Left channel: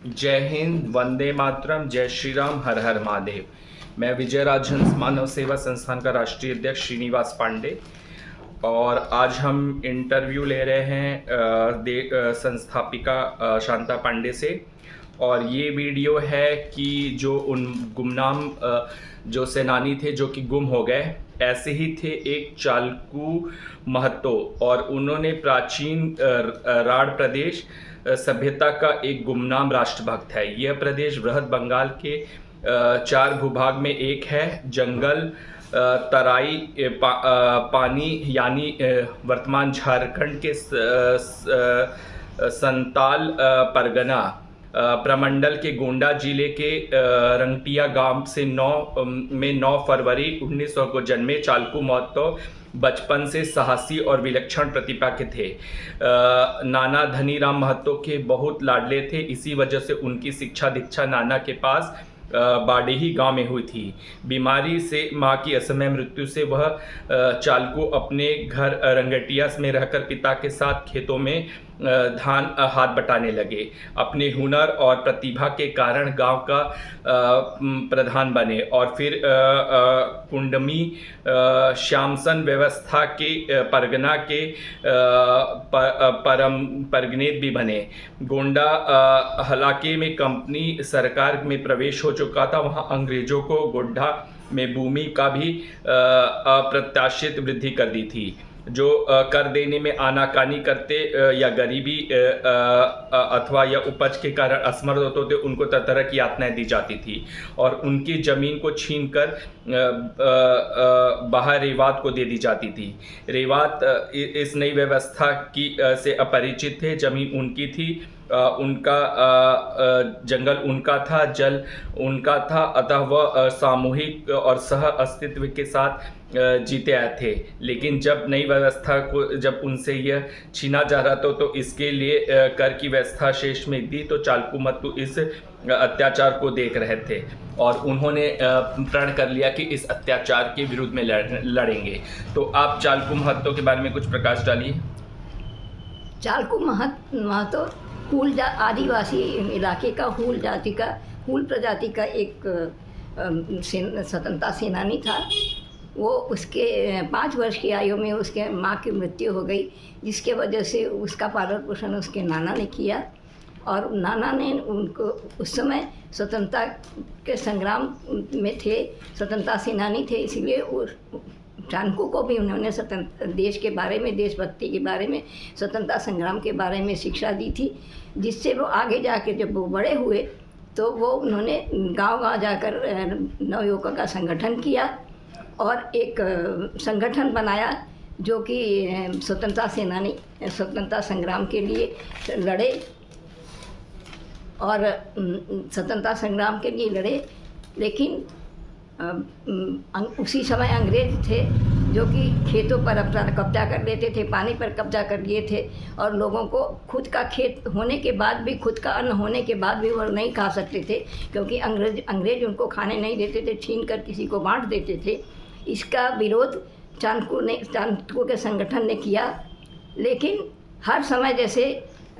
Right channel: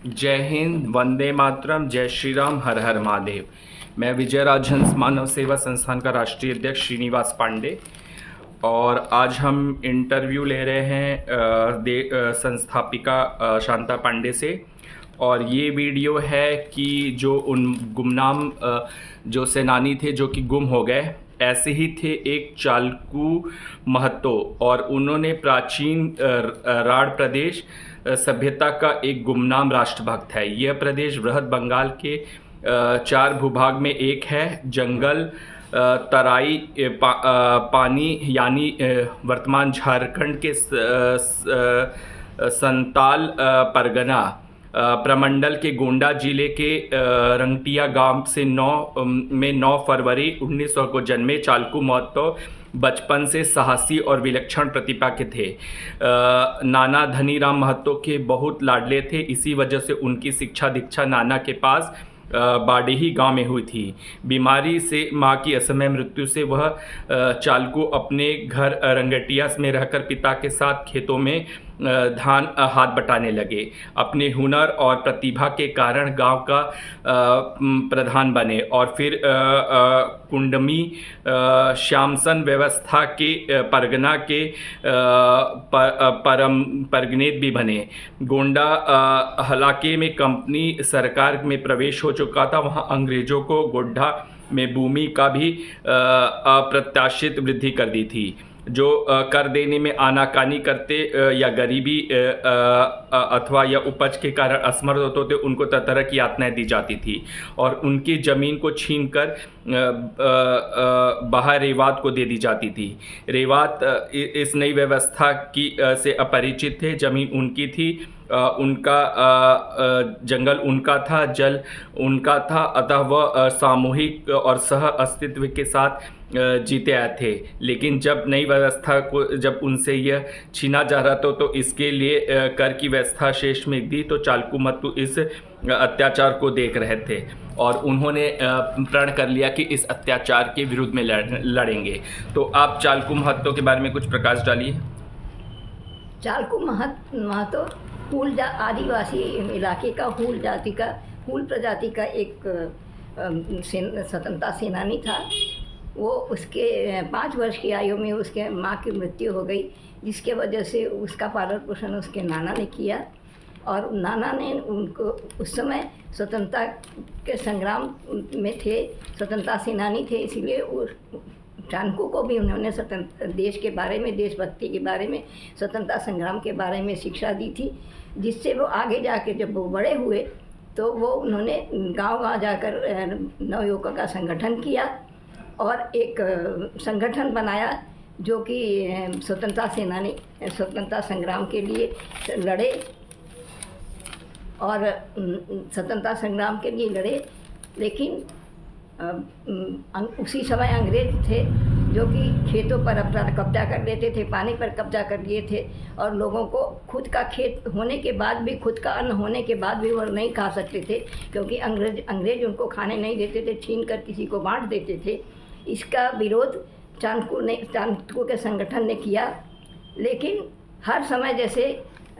जय हिंद, वंदे मातरम, जय श्री राम, हर हर महादेव। मैं विजय राजहंस मानव सेवा संस्थान का राष्ट्रीय अध्यक्ष श्रीनिवास पांडे और आज हम इंटरव्यू ले रहे हैं संस्थापिका शांता पांडे से। और ये वीडियो है कि जो उन गुमनाम जो सेनानी थे जो कि गुम हो गए, ऐसे ही थे एक चालकू महतो, और उन्होंने प्राचीन राढ़ प्रदेश सभ्यता का एक गुमनाम राष्ट्रभक्त है। यह प्रदेश बृहद बंगाल के 4 भूभाग में एक है। जंगल, तराई, पानी यानी वर्तमान झारखंड के संताल परगना प्रमंडल के गोंडा जिले के रंगटिया गांव से 9 फरवरी 1900 को जन्मे चालकू महतो बचपन से साहसी और विलक्षण प्रतिभा के थे। नाना धनीराम महतो के बहुत लाडले थे। इसी वजह से उनकी शिक्षा दीक्षा नाना के पास बाडेही गांव में हुई थी। बीमारी से मां की असमय मृत्यु से वह चालकू अपने घर रंगटिया में रहकर पिता के साथ खेतों में धान हाथ बटाने लगे। अपने हुनर और प्रतिभा के कारण गांव का प्रधान बने और फिर कुंडमी श्यामसन व्यवस्था के परगना के परम परगनेत भी बने। गोंडा हलाके में कंपनी सरकार में प्रवेश हो चुका था। वहां अंग्रेजों को गोड्ढा में भूमि का भी अप्रत्याशित वृद्धि कर दी थी। जो कर देने में आनाकानी करते या गरीबी अथवा या उपज के कारण असमर्थ होते थे, उनको तरह तरह की यातनाएं दी जाती थी और उनकी ज़मीन को छीनकर बाहर रेवात को दे दी जाती थी। रेवात इस नई व्यवस्था की से अपरिचित थे। ज़मीन उनकी थी, उनका जंगल उनका था, जल उनका था, अतः वह सामूहिक और सह अस्तित्व के साथ जीते आए थे। लेकिन जब नई व्यवस्था को जब उनसे यह छीना जा रहा था तो इसके लिए कर की व्यवस्था शेष में दी, तो चालकू महतो इस अत्याचार को देख रहे थे और उन्होंने प्रण कर लिया कि इस अत्याचार के विरुद्ध में लड़ेंगे। तो आप चालकू महतो के बारे में कुछ प्रकाश डालिए। चालकू महतो हूल आदिवासी इलाके का हूल प्रजाति का एक स्वतंत्रता सेनानी था। वो उसके 5 वर्ष की आयु में उसके माँ की मृत्यु हो गई, जिसके वजह से उसका पालन पोषण उसके नाना ने किया और नाना ने उनको उस समय स्वतंत्रता के संग्राम में थे, स्वतंत्रता सेनानी थे। इसलिए उस चालकू को भी उन्होंने स्वतंत्र देश के बारे में, देशभक्ति के बारे में, स्वतंत्रता संग्राम के बारे में शिक्षा दी थी, जिससे वो आगे जाके जब वो बड़े हुए तो वो उन्होंने गांव-गांव जाकर नवयुवकों का संगठन किया और एक संगठन बनाया जो कि स्वतंत्रता संग्राम के लिए लड़े और स्वतंत्रता संग्राम के लिए लड़े। लेकिन उसी समय अंग्रेज थे जो कि खेतों पर अपना कब्जा कर लेते थे, पानी पर कब्जा कर लिए थे और लोगों को खुद का खेत होने के बाद भी, खुद का अन्न होने के बाद भी वो नहीं खा सकते थे, क्योंकि अंग्रेज उनको खाने नहीं देते थे, छीन कर किसी को बांट देते थे। इसका विरोध चालकू के संगठन ने किया। लेकिन हर समय जैसे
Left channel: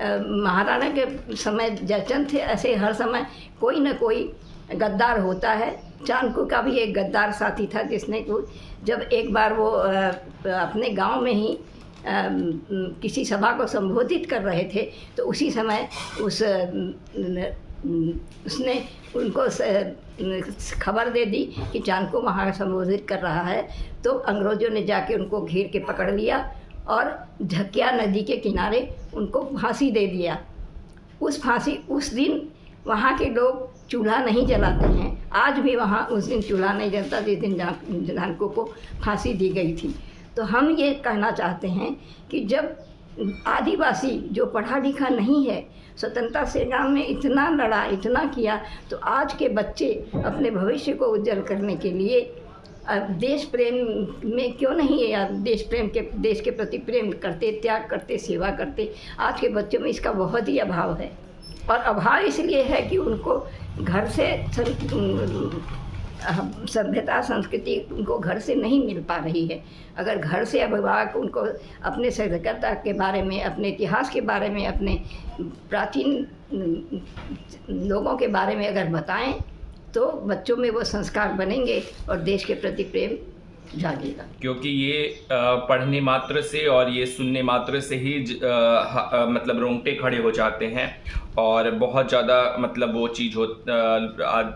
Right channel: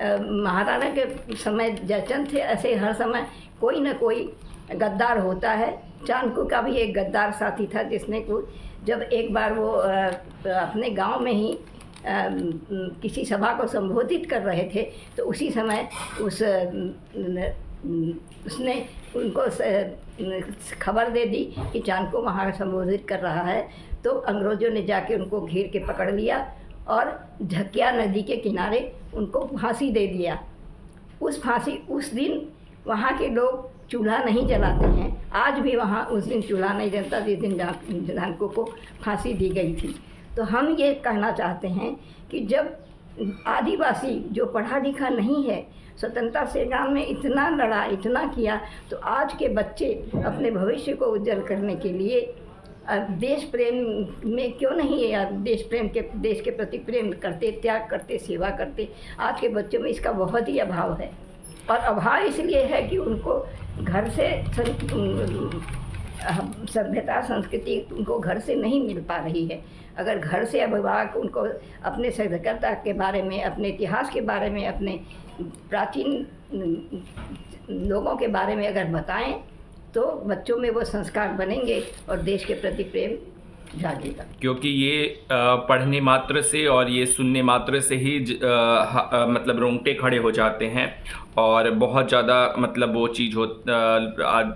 महाराणा के समय जयचंद थे, ऐसे हर समय कोई न कोई गद्दार होता है। चालकू का भी एक गद्दार साथी था जिसने को जब एक बार वो अपने गांव में ही किसी सभा को संबोधित कर रहे थे तो उसी समय उसने उनको खबर दे दी कि चालकू वहाँ संबोधित कर रहा है। तो अंग्रेज़ों ने जाके उनको घेर के पकड़ लिया और झकिया नदी के किनारे उनको फांसी दे दिया। उस दिन वहाँ के लोग चूल्हा नहीं जलाते हैं। आज भी वहाँ उस दिन चूल्हा नहीं जलता जिस दिन चालकू को फांसी दी गई थी। तो हम ये कहना चाहते हैं कि जब आदिवासी जो पढ़ा लिखा नहीं है स्वतंत्रता संग्राम में इतना लड़ा, इतना किया, तो आज के बच्चे अपने भविष्य को उज्जवल करने के लिए देश प्रेम में क्यों नहीं देश के प्रति प्रेम करते, त्याग करते, सेवा करते। आज के बच्चों में इसका बहुत ही अभाव है और अभाव इसलिए है कि उनको घर से सभ्यता संस्कृति उनको घर से नहीं मिल पा रही है। अगर घर से अभिभावक उनको अपने सभ्यता के बारे में, अपने इतिहास के बारे में, अपने प्राचीन लोगों के बारे में अगर बताएं तो बच्चों में वो संस्कार बनेंगे और देश के प्रति प्रेम जागेगा। क्योंकि ये पढ़ने मात्र से और ये सुनने मात्र से ही मतलब रोंगटे खड़े हो जाते हैं और बहुत ज़्यादा मतलब वो चीज़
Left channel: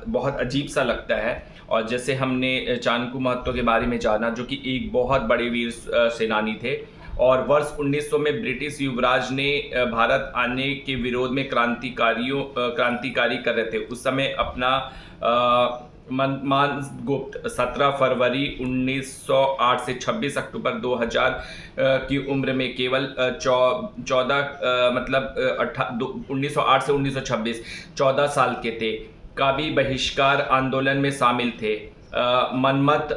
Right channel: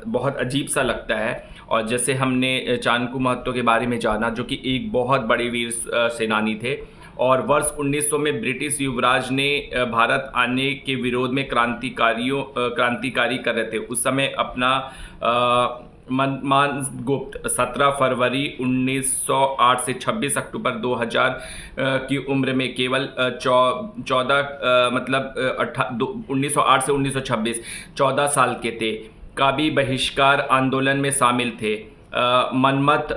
बहुत अजीब सा लगता है। और जैसे हमने चाणक्य महतो के बारे में जाना, जो कि एक बहुत बड़े वीर सेनानी थे और वर्ष 1900 में ब्रिटिश युवराज ने भारत आने के विरोध में क्रांतिकारी कर रहे थे। उस समय अपना मनमान गुप्त 17 फरवरी 1908 से 26 अक्टूबर 2000 की उम्र में केवल 1908 से 1926 14 साल के थे। काबी बहिष्कार आंदोलन में शामिल थे। मनमत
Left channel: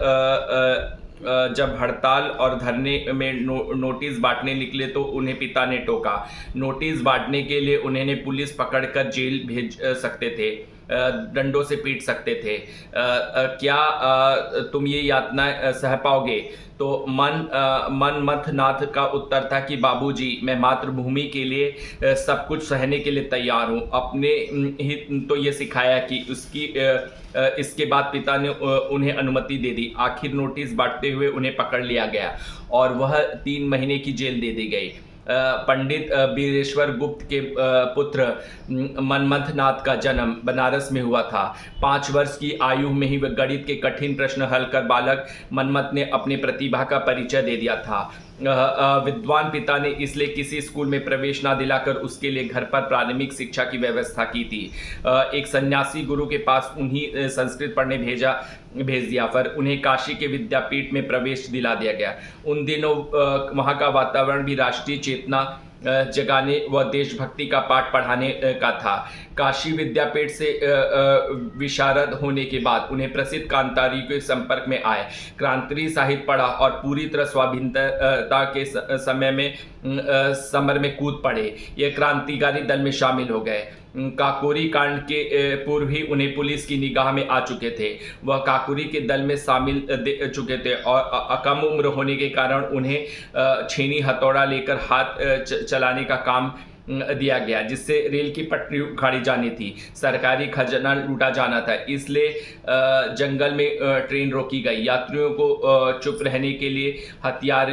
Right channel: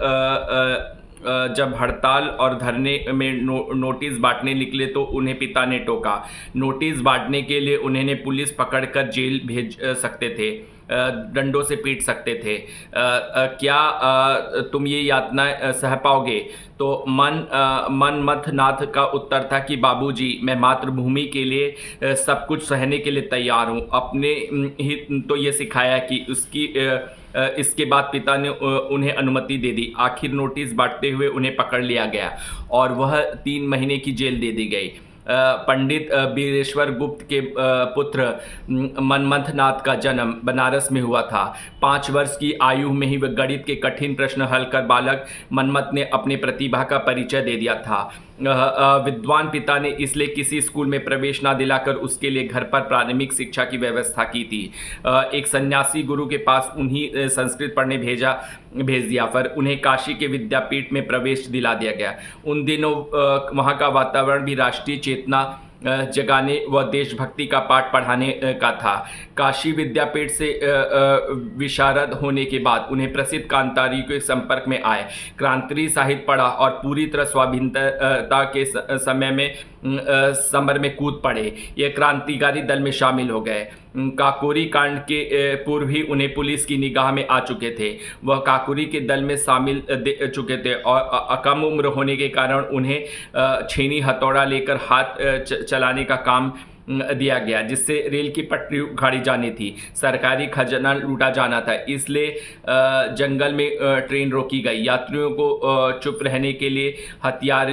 जब हड़ताल और धरने में नोटिस बांटने निकले तो उन्हें पिता ने टोका। नोटिस बांटने के लिए उन्हें पुलिस पकड़कर जेल भेज सकते थे, डंडों से पीट सकते थे। क्या तुम ये यातना सह पाओगे? तो मनमथ नाथ का उत्तर था कि बाबूजी, मैं मातृभूमि के लिए सब कुछ सहने के लिए तैयार हूँ। अपने ही तो ये सिखाया कि इसके बाद पिता ने उन्हें अनुमति दे दी। आखिर नोटिस बांटते हुए उन्हें पकड़ लिया गया और वह 3 महीने की जेल दे दी गई। पंडित बीरेश्वर गुप्त के पुत्र मनमथ नाथ का जन्म बनारस में हुआ था। 5 वर्ष की आयु में ही वह गणित के कठिन प्रश्न हल कर बालक मनमथ ने अपनी प्रतिभा का परिचय दे दिया था। विद्वान पिता ने इसलिए किसी स्कूल में प्रवेश ना दिलाकर उसके लिए घर पर प्राथमिक शिक्षा की व्यवस्था की थी। एक सन्यासी गुरु के पास उन्हीं संस्कृत पढ़ने भेज दिया, पर उन्हें काशी के विद्यापीठ में प्रवेश दिला दिया गया। उन दिनों वहाँ का वातावरण भी राष्ट्रीय चेतना जगाने व देशभक्ति का पाठ पढ़ाने का था। काशी विद्यापीठ से विशारद होने के बाद उन्हें प्रसिद्ध क्रांतिकारियों के संपर्क में आए। क्रांतिकारी साहित्य पढ़ा और पूरी तरह स्वाधीनता के समर में कूद पड़े। ये क्रांतिकारी दल में शामिल हो गए। काकोरी कांड के पूर्व ही उन्हें पुलिस की निगाह में आ चुके थे। वह काकोरी के दल में शामिल चुके थे और कम उम्र होने के कारण उन्हें छेनी हथौड़ा लेकर हाथ चलाने का काम दिया गया, जिससे रेल की पटरी उखाड़ी जानी थी, सरकारी खजाना लूटा जाना था। इसलिए जंगल में ट्रेन रोकी गई। यात्रियों को चुप रहने के लिए हथियार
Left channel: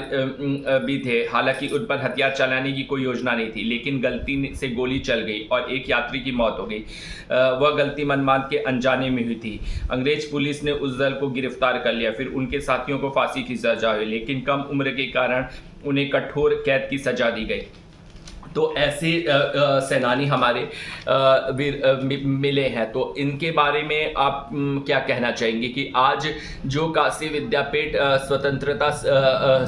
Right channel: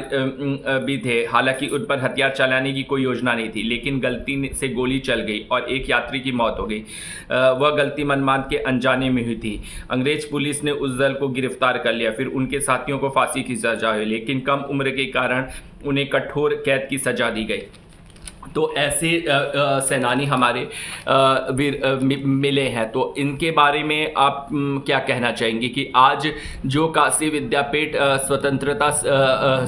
भी थे। हालांकि उन पर हथियार चलाने की कोई योजना नहीं थी, लेकिन गलती से गोली चल गई और एक यात्री की मौत हो गई। वह गलती मनमान के अनजाने में हुई थी। अंग्रेज पुलिस ने उस दल को गिरफ्तार कर लिया। फिर उनके साथियों को फांसी की सजा हुई, लेकिन कम उम्र के कारण उन्हें कठोर कैद की सजा दी गई। तो ऐसे सेनानी हमारे मिले हैं। तो इनके बारे में आप क्या कहना चाहेंगे कि आज जो काशी विद्यापीठ स्वतंत्रता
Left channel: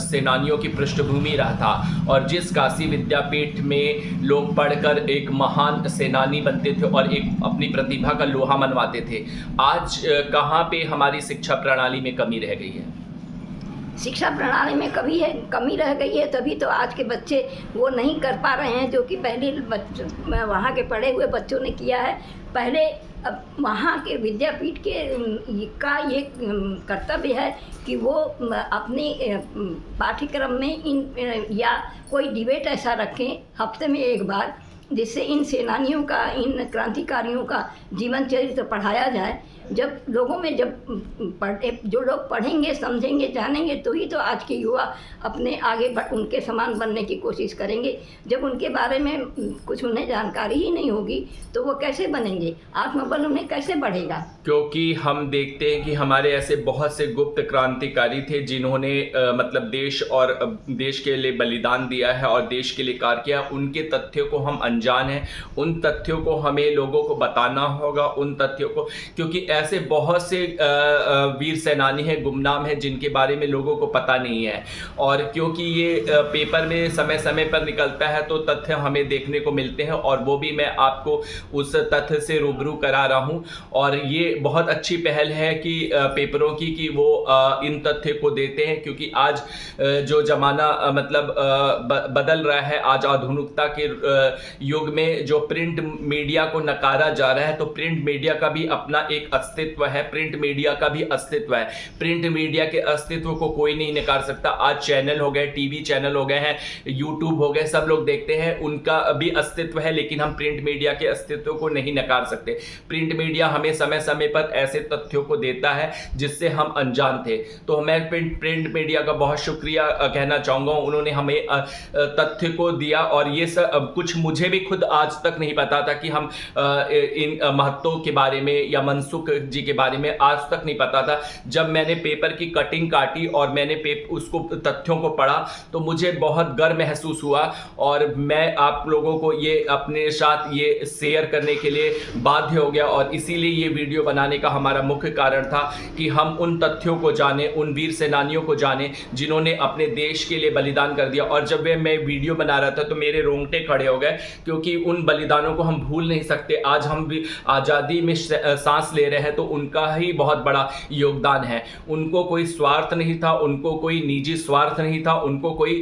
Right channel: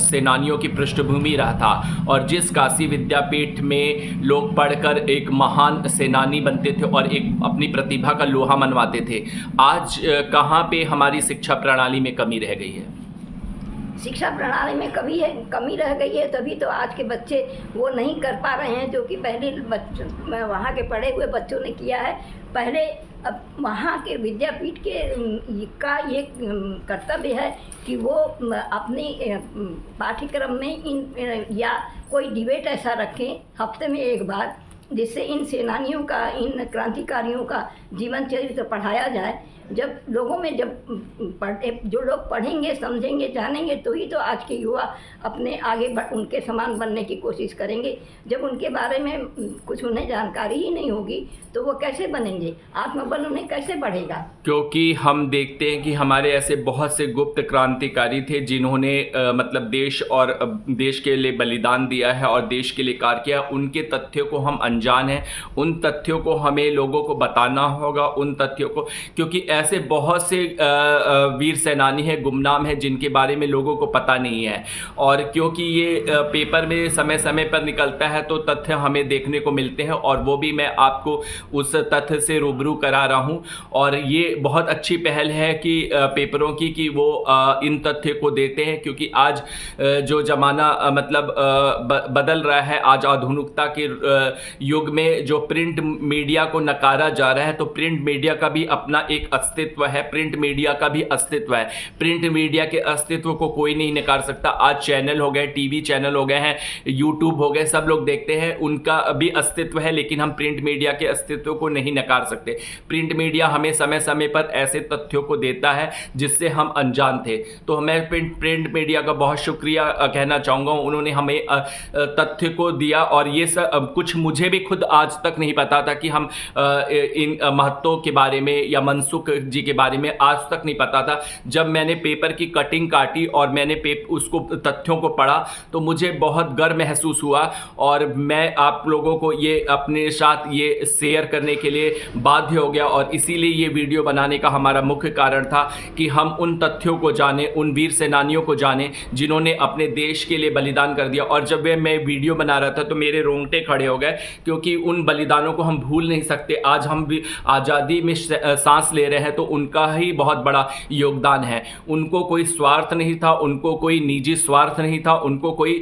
सेनानियों की पृष्ठभूमि रहा था और जिस काशी विद्यापीठ में लोग पढ़कर एक महान सेनानी बनते थे और एक अपनी प्रतिभा का लोहा मनवाते थे, आज कहाँ पे हमारी शिक्षा प्रणाली में कमी रह गई है? शिक्षा प्रणाली में कमी रह गई है, तभी तो आज के बच्चे वो नहीं कर पा रहे हैं जो कि पहले वहाँ के पढ़े हुए बच्चों ने किया है। पहले अब वहाँ के विद्यापीठ का ये कर्तव्य है कि वो अपने पाठ्यक्रम में या कोई डिबेट ऐसा रखें हफ्ते में एक बार, जिससे इन सेनानियों का, इन क्रांतिकारियों का जीवन चरित्र पढ़ाया जाए। जब लोगों में जो लोग पढ़ेंगे, समझेंगे, जानेंगे, तो ही तो आज के युवा अपने आगे उनके समान बनने की कोशिश करेंगे। जब उनके बारे में कुछ उन्हें जानकारी ही नहीं होगी तो वो कैसे बनेंगे? आत्मबल उन्हें कैसे बढ़ेगा? क्योंकि हम देखते हैं कि हमारे ऐसे बहुत से गुप्त क्रांतिकारी थे जिन्होंने मतलब देश और देश के लिए बलिदान दिया है और देश के लिए कार्य किया। उनके तथ्यों को हम अनजान हैं। उन तथ्यों को हमें लोगों को बताना होगा, उन तथ्यों को, क्योंकि ऐसे बहुत से वीर सेनानी हैं, गुमनाम हैं, जिनके बारे में लोगों को पता नहीं है। और और क्योंकि ये पेपर में समय समय पर निकलता है तो तथ्य हमें देखने को मिलते हैं और वो भी मैं आपको उस तथ्य से रूबरू करा रहा हूँ। और ये बहुत अच्छी पहल है कि पेपरों की कि वो इन तथ्य को देते हैं, क्योंकि आज जो ज़माना मतलब बदल रहा है, आज आधुनिकता के युग में जो प्रिंट मीडिया को नकारा जा रहा है, तो प्रिंट मीडिया का भी अपना एक अस्तित्व है, प्रिंट मीडिया का भी अस्तित्व है। प्रिंट मीडिया के अस्तित्व को कोई नहीं नकार सकता। आज चैनल हो गए, टीवी चैनल हो गए हैं, यूट्यूब हो गए, सब लोग देखते हैं, उनका भी अस्तित्व है, लेकिन हम प्रिंट मीडिया के अस्तित्व को नहीं नकार सकते। प्रिंट मीडिया हमें समय समय पर ऐसे तथ्यों को देता है जिससे हम अनजान थे। तो मैं प्रिंट मीडिया का बहुत शुक्रिया कहना चाहूँगा, उन्होंने हमें तथ्य को दिया। और ये सब कुछ मुझे भी खुद आज तक नहीं पता था कि हम इन महत्वों के बारे में या मनसुख जी के बारे में आज तक नहीं पता था। जब मैंने पेपर की कटिंग काटी और मैंने उसको तथ्यों को पढ़ा तो मुझे बहुत गर्व महसूस हुआ, और मैं आप लोगों को ये अपने साथ ये शेयर करने के लिए बाध्य हो गया। और इसीलिए ये वीडियो बनाने का हमारा मुख्य कारण था कि हम उन तथ्यों को जानें, उन वीर सेनानियों को जानें जिन्होंने अपने देश के लिए बलिदान कर दिया। और जब मैं वीडियो बना रहा था तो मेरे रोंगटे खड़े हो गए, क्योंकि उन बलिदानों को हम भूल नहीं सकते। आज हम भी आज़ादी में सांस ले रहे हैं तो उनका ही बहुत बड़ा योगदान है। उनको कोई स्वार्थ नहीं था, उनको कोई निजी स्वार्थ नहीं था, उनको कोई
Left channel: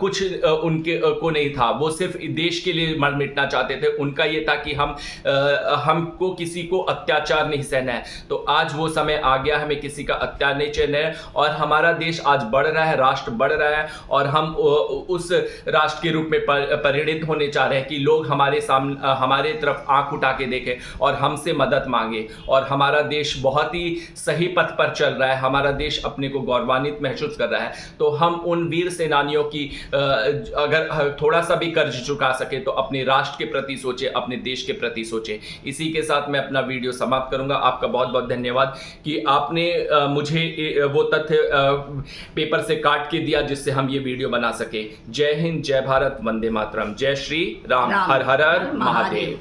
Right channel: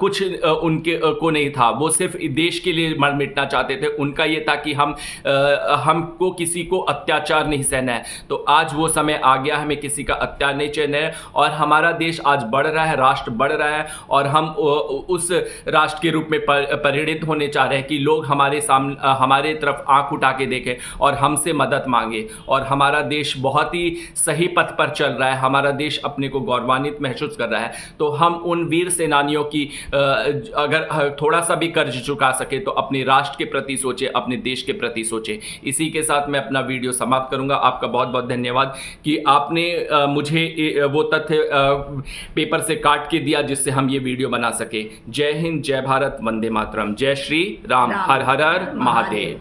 कुछ उनके को नहीं था। वो सिर्फ देश के लिए मर मिटना चाहते थे। उनका ये था कि हमको किसी को अत्याचार नहीं सहना है। तो आज वो समय आ गया, हमें किसी का अत्याचार नहीं सहना है, और हमारा देश आज बढ़ रहा है, राष्ट्र बढ़ रहा है, और हम उस राष्ट्र के रूप में परिणित होने चाह रहे हैं कि लोग हमारे सामने, हमारे तरफ आंख उठा के देखें और हमसे मदद मांगे। और हमारा देश बहुत ही सही पथ पर चल रहा है, हमारा देश अपने को गौरवान्वित महसूस कर रहा है। तो हम उन वीर सेनानियों की अगर थोड़ा सा भी कर्ज चुका सके तो अपने राष्ट्र के प्रति सोचे, अपने देश के प्रति सोचे। इसी के साथ मैं अपना वीडियो समाप्त करूंगा। आपका बहुत बहुत धन्यवाद कि आपने मुझे वो तथ्य पेपर से काट के दिया जिससे हम ये वीडियो बना सके। जय हिंद, जय भारत, वंदे मातरम, जय श्री राम, हर हर महादेव।